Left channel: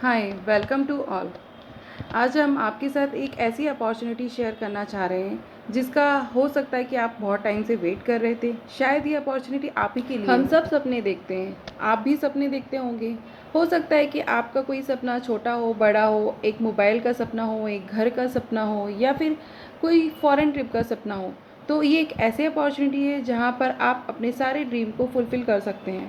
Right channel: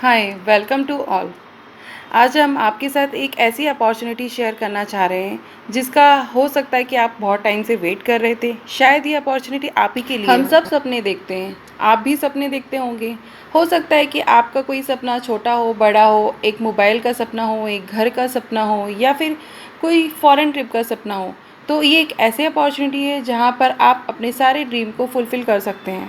Hi, welcome to all. आज हम आपके साथ एक ऐसी अपॉर्चुनिटी शेयर करना चाह रहे हैं जिसका हो सकता है कि आप बहुत टाइम से वेट कर रहे थे। शायद ये अपॉर्चुनिटी आप ही के लिए हम सब सपने देखते हैं, आप भी सपने देखते होंगे। हो सकता है कि आपका कोई सपना छोटा हो, बड़ा हो, एक मोबाइल का सपना हो, एक घर का सपना हो या फिर कोई फॉरेन ट्रिप का सपना हो। तो ये एक ऐसी अपॉर्चुनिटी है जहाँ पर आप अपने सारे ड्रीम को फुलफ़िल कर सकते हैं।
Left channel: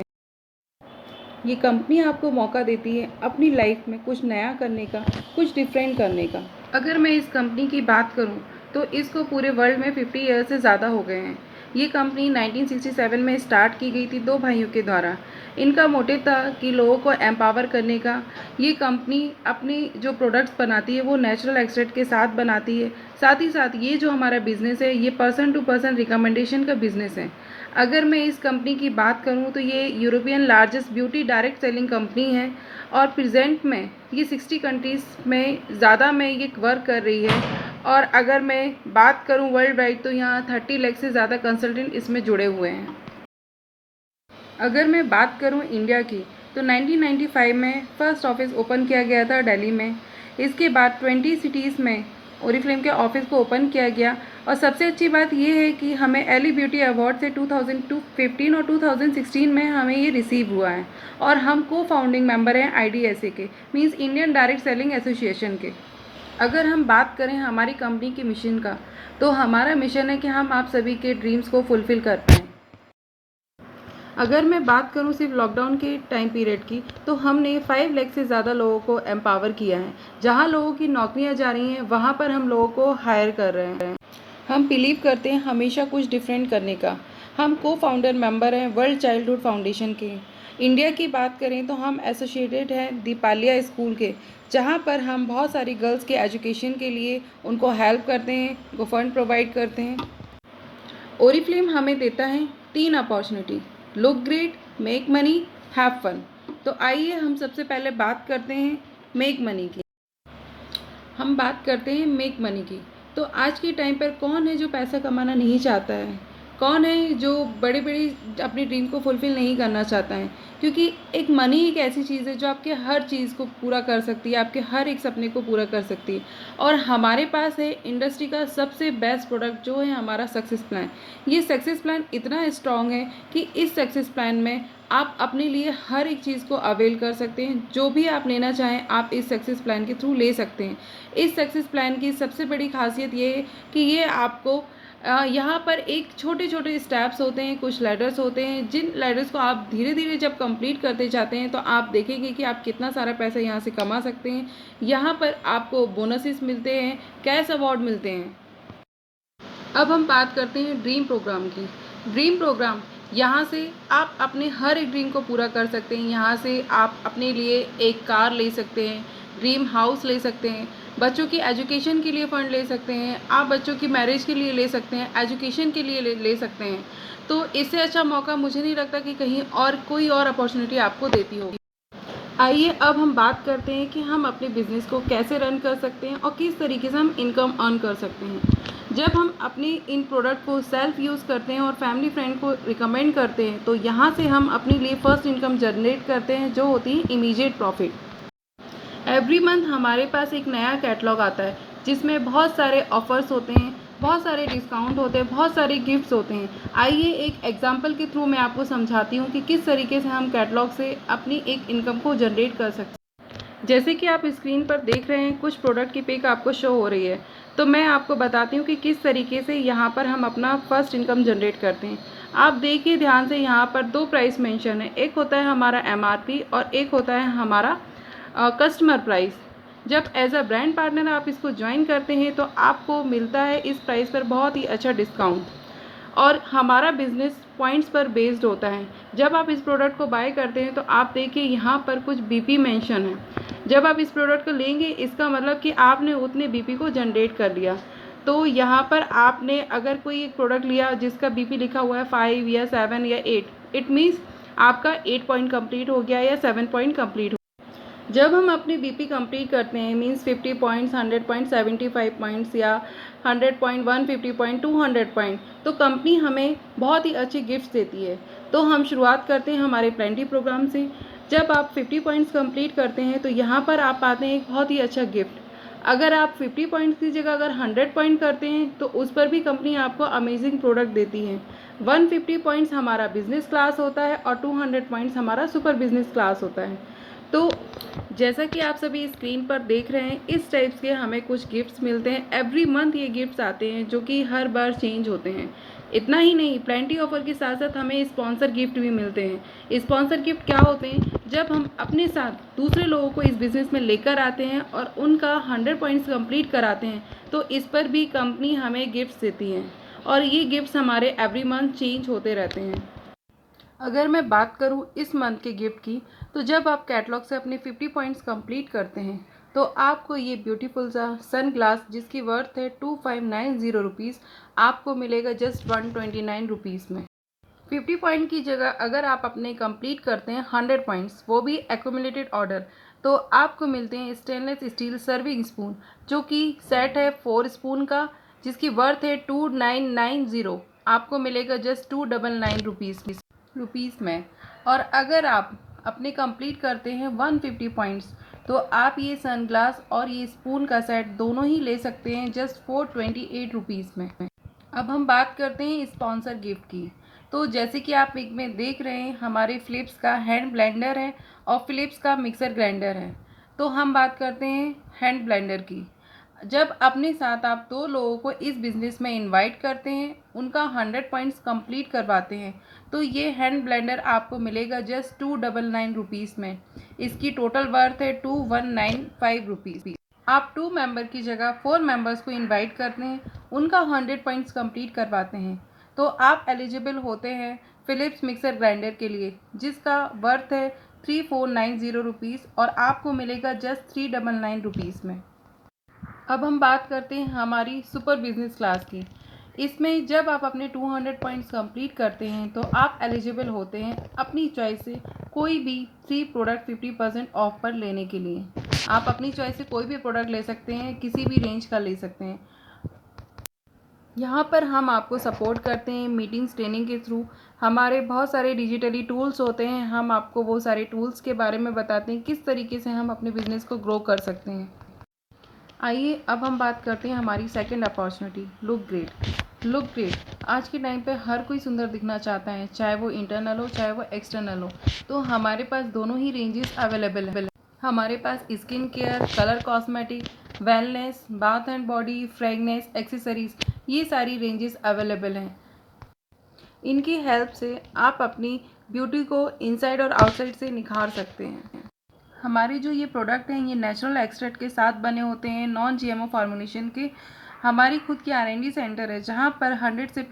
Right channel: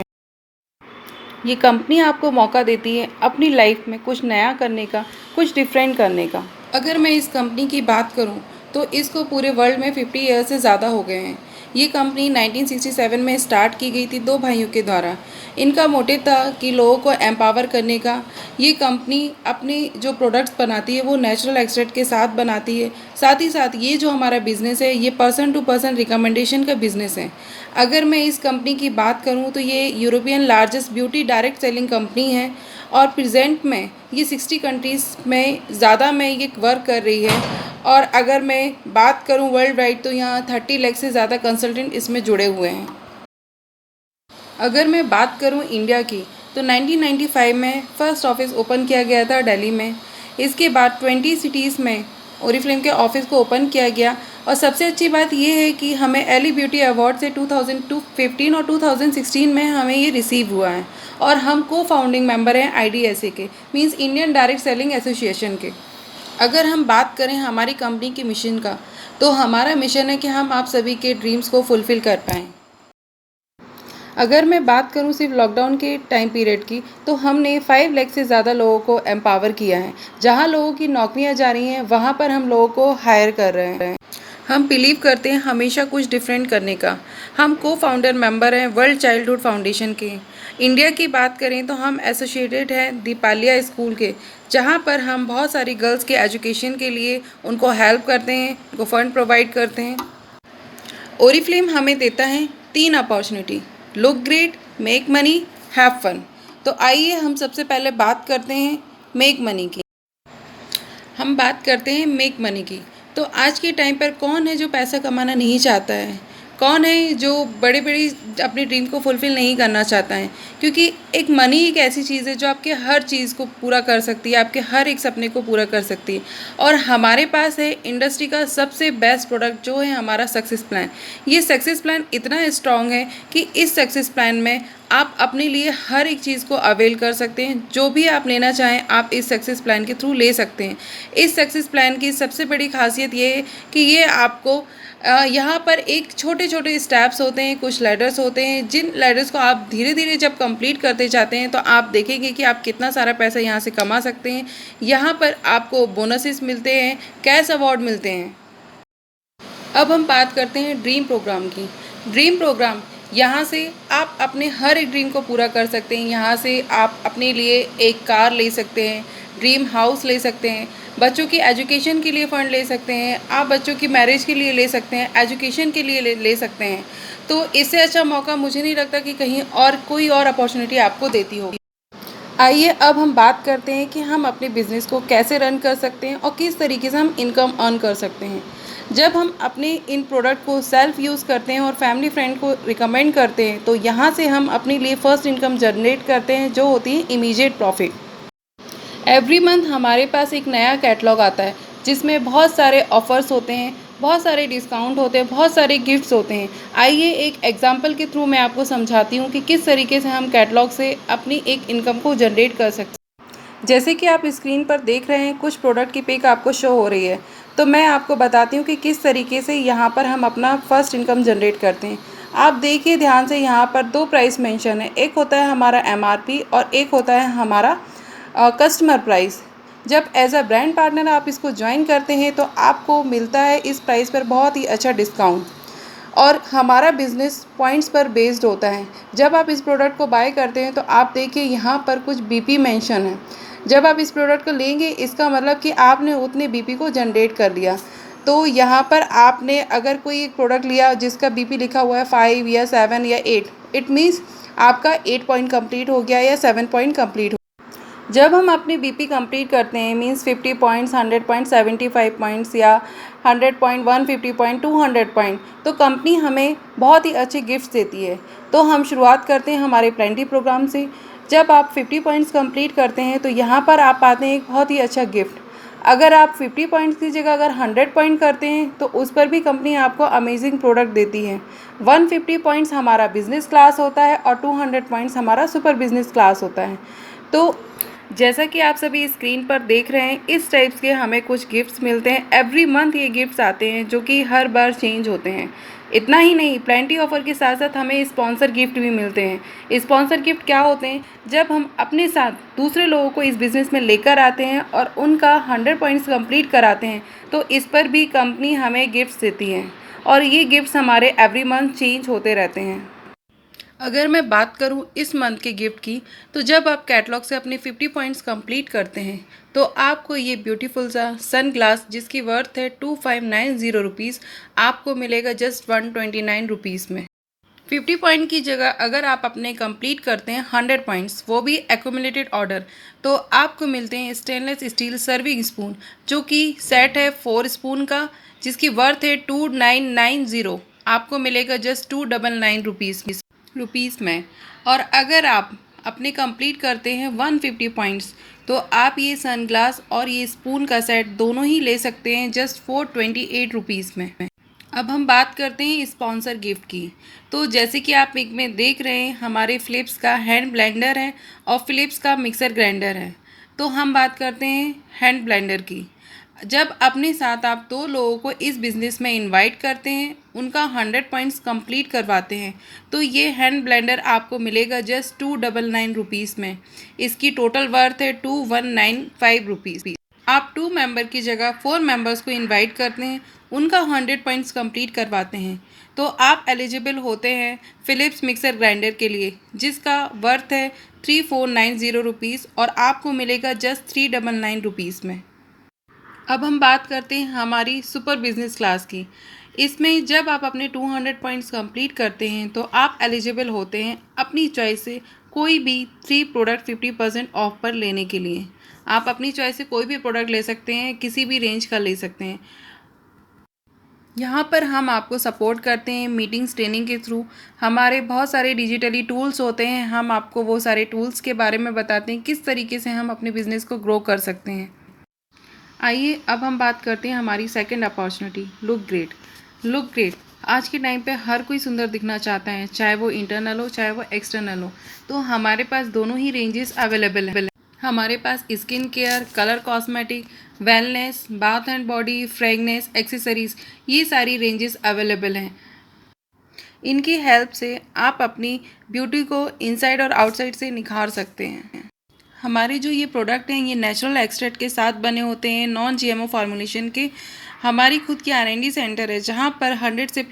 ये कंपनी आपको मौका देती है अपनी लाइफ में कुछ नया करने का, कुछ डिफरेंट करने का। अगर मैं इस कंपनी की बात करूं तो इसको पूरे वर्ल्ड में 50 ईयर से ज़्यादा हो गए हैं। ये कंपनी 1967 में स्टार्ट की गई थी दो भाइयों के द्वारा। इनका मोटिव था कि लोगों को एम्पावर करने का। ये कंपनी अपनी जो प्रोडक्ट्स बनाती है वो नेचुरल एक्सट्रैक्ट के साथ बनाती है। साथ ही साथ ये जो हमारा बिज़नेस है ये पर्सन टू पर्सन रिकमेंडेशन का बिज़नेस है। अगर मैं इस कंपनी की बात करूं तो ये European largest beauty direct selling company है और प्रेजेंट में ये 60 कंट्रीज़ में ज़्यादा में ये वर्क कर रही है। और अगर मैं बात करूं वर्ल्ड वाइड तो यहाँ 30 लाख से ज़्यादा कंसल्टेंट इसमें जुड़े हुए हैं। अगर मैं बात करूं इंडिया की तो 1995 में फ़र्स्ट ऑफिस ओपन किया गया था दिल्ली में। इसके बाद 20 सिटीज़ में ओरिफ्लेम के ऑफिस को ओपन किया गया। और सबसे अच्छी बात ये है कि हमें एली ब्यूटी अवार्ड से 2015 और 2016 में हमें ये रिसीव हुआ है। और हम को फाउंडिंग मेंबर हैं IDSA के, means Indian direct selling association के। अगर हम बात करें हमारी कंपनी के मिशन का तो हमारा मिशन है कि हम आप सभी के ड्रीम्स को फुलफ़िल कर पाएँ। अगर मैं बात करूं सिर्फ लॉकडाउन के टाइम पीरियड की तो हमने 5 लाख से ज़्यादा लोगों को एम्पावर किया है। जहां लोगों की नौकरियां जा रही हैं वहां पर हम लोगों को हायर कर रहे हैं। हम बिलीव करते हैं हमेशा कुछ डिफरेंट करने का। हम को फाउंडर मेंबर हैं वर्ल्ड चाइल्डहुड फाउंडेशन के। इंडिया की बात करें तो हम एसोसिएटेड हैं दीपालिया स्कूल के, जहां पर हम बहुत सारी गर्ल्स के एजुकेशन के लिए उनको हेल्प करते हैं, उनको फ़ंड प्रोवाइड करते हैं। ओरिफ्लेम हमें देता है 3 opportunity: look great, make money, have fun. तो आइए हम सबसे पहले बात करते हैं मेक मनी की। हम बात करते हैं मेक मनी की। तो आज के टाइम पर कौन है जो पैसा कमाना नहीं चाहता है? कौन है जो बड़े बड़ी अपनी ड्रीम को फुलफ़िल नहीं करना चाहता है? क्योंकि एक मनी एक ऐसी चीज़ है जो आपके हर चीज़ को पूरा कर सकती है, आपके हर एक सपने को पूरा कर सकती है। और हमारे पास है इंडस्ट्री का सबसे बेस्ट प्रोडक्ट जो है हमारा सक्सेस प्लान। ये सक्सेस प्लान इतना स्ट्रॉन्ग है कि इस सक्सेस प्लान में आप अपने लिए हर एक चीज़ को अवेल कर सकते हैं। जो भी आप लेना चाहें आप इस सक्सेस प्लान के थ्रू ले सकते हैं। इस सक्सेस प्लान की सबसे बड़ी खासियत ये है कि ये आपको यहाँ पर एक छोटे छोटे स्टेप्स होते हैं, कुछ लैडर्स होते हैं, जिन लैडर्स को आप धीरे धीरे जब कंप्लीट करते जाते हैं तो आप देखेंगे कि आप कितना सारा पैसा यहाँ से कमा सकते हैं। यहाँ पर आपको बोनसेस मिलते हैं, कैश अवार्ड मिलते हैं। अब हम बात करते हैं ड्रीम प्रोग्राम की। ड्रीम प्रोग्राम यहाँ से आप अपने हर एक ड्रीम को पूरा कर सकते हैं। यहाँ से आप अपने लिए एक कार ले सकते हैं, ड्रीम हाउस ले सकते हैं, बच्चों की एजुकेशन के लिए फ़ंड ले सकते हैं, आप बच्चों की मैरिज के लिए ले सकते हैं, एजुकेशन के लिए ले सकते हैं। तो इससे अच्छा मौका मुझे नहीं लगता कि कहीं और कोई और अपॉर्चुनिटी आपको देती होगी। आइए अब हम बात करते हैं कि हम अपने बिज़नेस को कैसे रन कर सकते हैं और किस तरीके से हम इनकम अर्न कर सकते हैं। जब हम अपने इन प्रोडक्ट को सेल्फ यूज़ करते हैं और फैमिली फ्रेंड को रिकमेंड करते हैं तो यहाँ से हम अपने लिए फ़र्स्ट इनकम जनरेट करते हैं जो होती है इमीडिएट प्रॉफिट। एवरी मंथ हमारे पास एक नया कैटलॉग आता है जिसमें बहुत सारे ऑफ़र्स होते हैं, बहुत सारे डिस्काउंट होते हैं, बहुत सारे गिफ्ट्स होते हैं। आइए एक एग्जांपल के थ्रू मैं आपको समझाती हूँ कि किस तरीके से हम कैटलॉग से अपनी एक इनकम को जनरेट कर सकते हैं। जैसे कि आप स्क्रीन पर देख रहे हैं कुछ प्रोडक्ट की पिक आपको शो हो रही है, तो मैं आपको बताती हूँ कि किस तरीके से यहाँ पर हम अपना फर्स्ट इनकम जनरेट करते हैं। आप देखिए ध्यान से, यहाँ पर 2 प्राइस मेंशन है, एक होता है हमारा MRP और एक होता है हमारा कस्टमर प्राइस। जब एज अ ब्रांड पार्टनर आप इसको ज्वाइन करते हैं तो आपको मिलता है इस प्राइस पर बहुत ही अच्छा डिस्काउंट। और हमारा बिज़नेस पॉइंट्स पर बेस्ड होता है। जब आप इस प्रोडक्ट को बाय करते हैं तो आप देखिए यहाँ पर कुछ BP मेंशन है। जब आप इस प्रोडक्ट को लेंगे इसका मतलब कि आपने उतने BP को जनरेट कर लिया। तो यहाँ पर आपने अगर कोई एक प्रोडक्ट लिया जिसका BP लिखा हुआ है 5 या 7 या 8, इट मीन्स आपका 8 पॉइंट कंप्लीट हो गया या 7 पॉइंट कंप्लीट। जब हम अपने BP कंप्लीट करते हैं मींस 50 पॉइंट्स, 100 पॉइंट्स, 75 पॉइंट्स या 100 पॉइंट, 150 पॉइंट, 200 पॉइंट, तो कंपनी हमें बहुत ही अच्छे गिफ्ट्स देती है। तो हम शुरुआत करते हैं हमारे प्लेंटी प्रोग्राम से। जब आप 50 पॉइंट्स कंप्लीट करते हैं तो यहाँ पर आप पाते हैं एक बहुत ही अच्छा गिफ्ट। अगर आप 50 पॉइंट्स की जगह अगर 100 पॉइंट करते हैं तो उस पर भी कंपनी आपको अमेजिंग प्रोडक्ट देती है। 150 पॉइंट्स हमारा बिजनेस क्लास होता है और 200 पॉइंट्स हमारा सुपर बिजनेस क्लास होता है। तो जैसा कि आप सभी स्क्रीन पर देख रहे हैं, इस टाइप्स के हमें कुछ गिफ्ट्स मिलते हैं। एवरी मंथ ये गिफ्ट्स आते हैं जो कि हर बार चेंज होते हैं। इतना ही नहीं, प्लेंटी ऑफर के साथ साथ हमें स्पॉन्सर गिफ्ट भी मिलते हैं। स्पॉन्सर गिफ्ट क्या होते हैं? जब हम अपने साथ दूसरे लोगों को इस बिज़नेस में लेकर आते हैं और उनका 100 पॉइंट्स कंप्लीट कराते हैं तो इस पर भी कंपनी हमें गिफ्ट्स देती है और ये गिफ्ट्स हमारे एवरी मंथ चेंज होते रहते हैं। अगर मैं बात करूं इस मंथ के गिफ्ट की, तो जब आप कैटलॉग से अपने 50 पॉइंट्स कंप्लीट करते हैं तो आपको ये ब्यूटीफुल सा सन ग्लास जिसकी वर्थ है 2590 रुपीज़ आपको मिलेगा जस्ट 129 रुपीज़ में। 50 पॉइंट की जगह अगर आप अपने कंप्लीट करते हैं 100 पॉइंट्स, वो भी एक्यूमुलेटेड ऑर्डर, तो आपको मिलते हैं स्टेनलेस स्टील सर्विंग स्पून जो कि सेट है 4 स्पून का जिसकी वर्थ है 2990, आपको मिलेगा जस्ट 299 रुपीज़ में। और अगर आप अपने कंप्लीट करते हैं 150 पॉइंट्स तो आप ये सनग्लास और ये स्पून का सेट दोनों ही ले सकते हैं जस्ट 428 रुपीज़ में। अब हम बात करते हैं स्पॉन्सर गिफ्ट की। तो जैसे कि आप पिक में देख रहे हैं, हमारे फ़िलिप्स का हैंड ब्लेंडर है और फ़िलिप्स का मिक्सर ग्राइंडर है। तो हम बात करते हैं हैंड ब्लेंडर की। जब अपने साथ आप 2 लोगों को इस बिज़नेस में इनवाइट करते हैं, उनका 100 पॉइंट्स कंप्लीट करवाते हैं, तो ये हैंड ब्लेंडर आपको मिलेगा जस्ट 299 रुपीज़ में। इसकी टोटल वर्थ है 2195 रुपीज़। आप 2 मेंबर की जगह 4 मेंबर्स को इनवाइट करते हैं, उनका 100 पॉइंट्स कंप्लीट करवाते हैं, तो आप एलिजिबल होते हैं फ़िलिप्स मिक्सर ग्राइंडर के लिए जिसका वर्थ है 3490 रुपीज़ और आपको मिलेगा जस्ट 399 रुपीज़ में। अब हम बात करते हैं हमारी सुपर बिजनेस क्लास की। इसमें जब आप अपने 200 पॉइंट्स कंप्लीट करते हैं तो आप एलिजिबल होते हैं अपनी चॉइस से कोई भी 3 प्रोडक्ट 50% ऑफ पर लेने के लिए। आप अपनी चॉइस से कोई भी प्रोडक्ट ले सकते हैं, किसी भी रेंज का ले सकते हैं। यहाँ पर हम आपको सपोर्ट करते हैं मीटिंग्स ट्रेनिंग के थ्रू। हमारे बहुत सारे डिजिटली टूल्स होते हैं, हम आपको वो सारे टूल्स के बारे में बताते हैं किस तरीके से हम अपने बिज़नेस को ग्रो कर सकते हैं। आइए अब हम बात करते हैं हमारी second opportunity, look great. Look great आज के टाइम पे हर कोई सुंदर दिखना चाहता है, चाहे वो इंटरनल हो चाहे वो एक्सटर्नल हो। तो हमारे पास दोनों ही रेंजेस अवेलेबल हैं। हमारे पास skin care, colour cosmetic, wellness, bath and body, fragrance, accessories, ये सारी रेंजेस अवेलेबल हैं। इनकी हेल्प से आप अपनी ब्यूटी को इनसाइड और आउटसाइड से निखार सकते हैं। हमारे जो ये प्रोडक्ट हैं ये नेचुरल एक्सट्रैक्ट के साथ बने होते हैं, नॉन जीएमओ फार्मूलेशन के। हमारी खुद की R&D सेंटर है जहाँ पर 100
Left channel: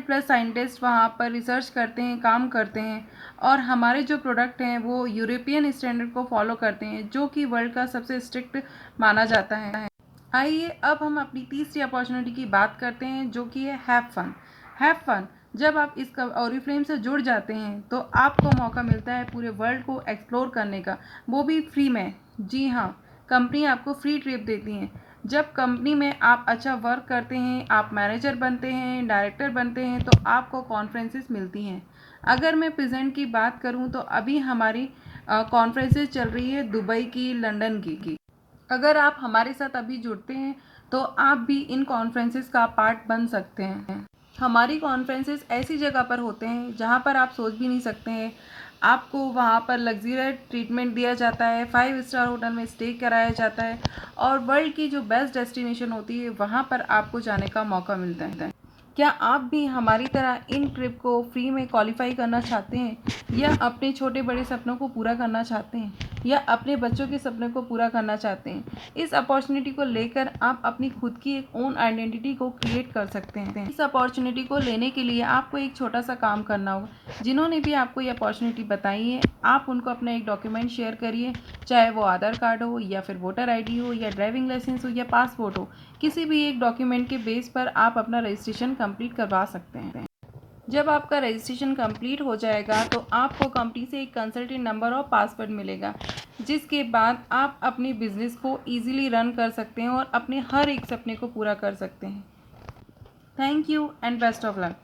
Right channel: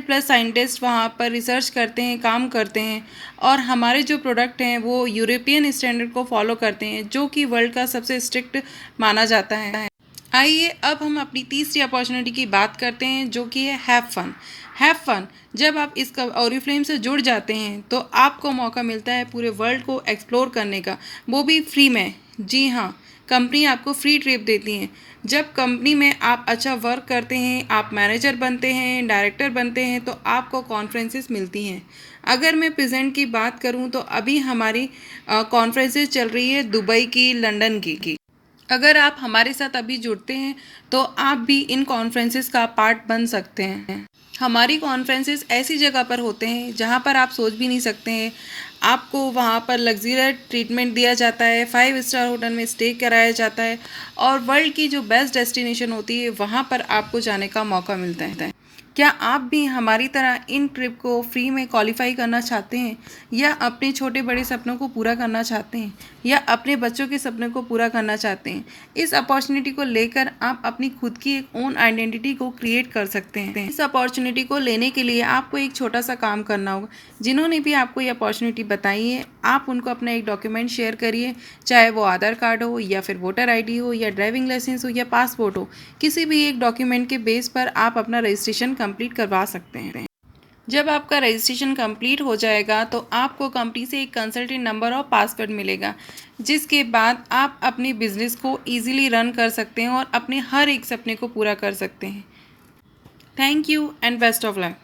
प्लस साइंटिस्ट वहाँ पर रिसर्च करते हैं, काम करते हैं और हमारे जो प्रोडक्ट हैं वो यूरोपियन स्टैंडर्ड को फॉलो करते हैं जो कि वर्ल्ड का सबसे स्ट्रिक्ट माना जाता है। आइए अब हम अपनी तीसरी अपॉर्चुनिटी की बात करते हैं जो कि है हैव फन। हैव फन जब आप इस ऑरिफ्लेम से जुड़ जाते हैं तो आपको मौका मिलता है पूरे वर्ल्ड को एक्सप्लोर करने का, वो भी फ्री में। जी हाँ, कंपनी आपको फ्री ट्रिप देती है। जब कंपनी में आप अच्छा वर्क करते हैं, आप मैनेजर बनते हैं, डायरेक्टर बनते हैं, तो आपको कॉन्फ्रेंसेस मिलती हैं। अगर मैं प्रेजेंट की बात करूं तो अभी हमारी कॉन्फ्रेंसेस चल रही है दुबई की, लंदन की। अगर आप हमारे साथ अभी जुड़ते हैं तो आप भी इन कॉन्फ्रेंसेस का पार्ट बन सकते हैं। हमारी कॉन्फ्रेंसेस ऐसी जगह पर होते हैं जहां पर आप सोच भी नहीं सकते हैं। आपको वहां पर लग्जरियस ट्रीटमेंट दिया जाता है, 5 स्टार होटल में स्टे कराया जाता है और वर्ल्ड की जो बेस्ट डेस्टिनेशन होती है वहां पर आपको जाने का मौका मिलता है। क्या आप भी हमारी तरह इन ट्रिप को फ्री में क्वालिफाई करना चाहते हैं या अपने छोटे बड़े सपनों को पूरा करना चाहते हैं या अपने बच्चों के सपनों को पूरा करना चाहते हैं? इस अपॉर्चुनिटी को लेकर आप अपनी खुद की एक ओन आइडेंटिटी को क्रिएट कर सकते हैं। इस अपॉर्चुनिटी को लेने के लिए आपको एक छोटा सा काम करना होगा। जिन्होंने भी आपको ये अपॉर्चुनिटी बताई है आप उनको अपना एक डॉक्यूमेंट शेयर करिए, चाहे वो आधार कार्ड हो या फिर वोटर ID हो या ड्राइविंग लाइसेंस हो या पासपोर्ट हो। किसी भी एक डॉक्यूमेंट के बेस पर आप अपना रजिस्ट्रेशन कंप्लीट करवा सकते हैं। जब आपका रजिस्ट्रेशन कंप्लीट हो जाएगा तो आपको कंपनी से एक कंसल्टेंट नंबर और पासवर्ड मिलेगा, जिसके बाद आप अपने बिजनेस को इजीली रन कर सकते हैं और अपने हर एक सपने को पूरा कर सकते हैं। Thank you and best of luck.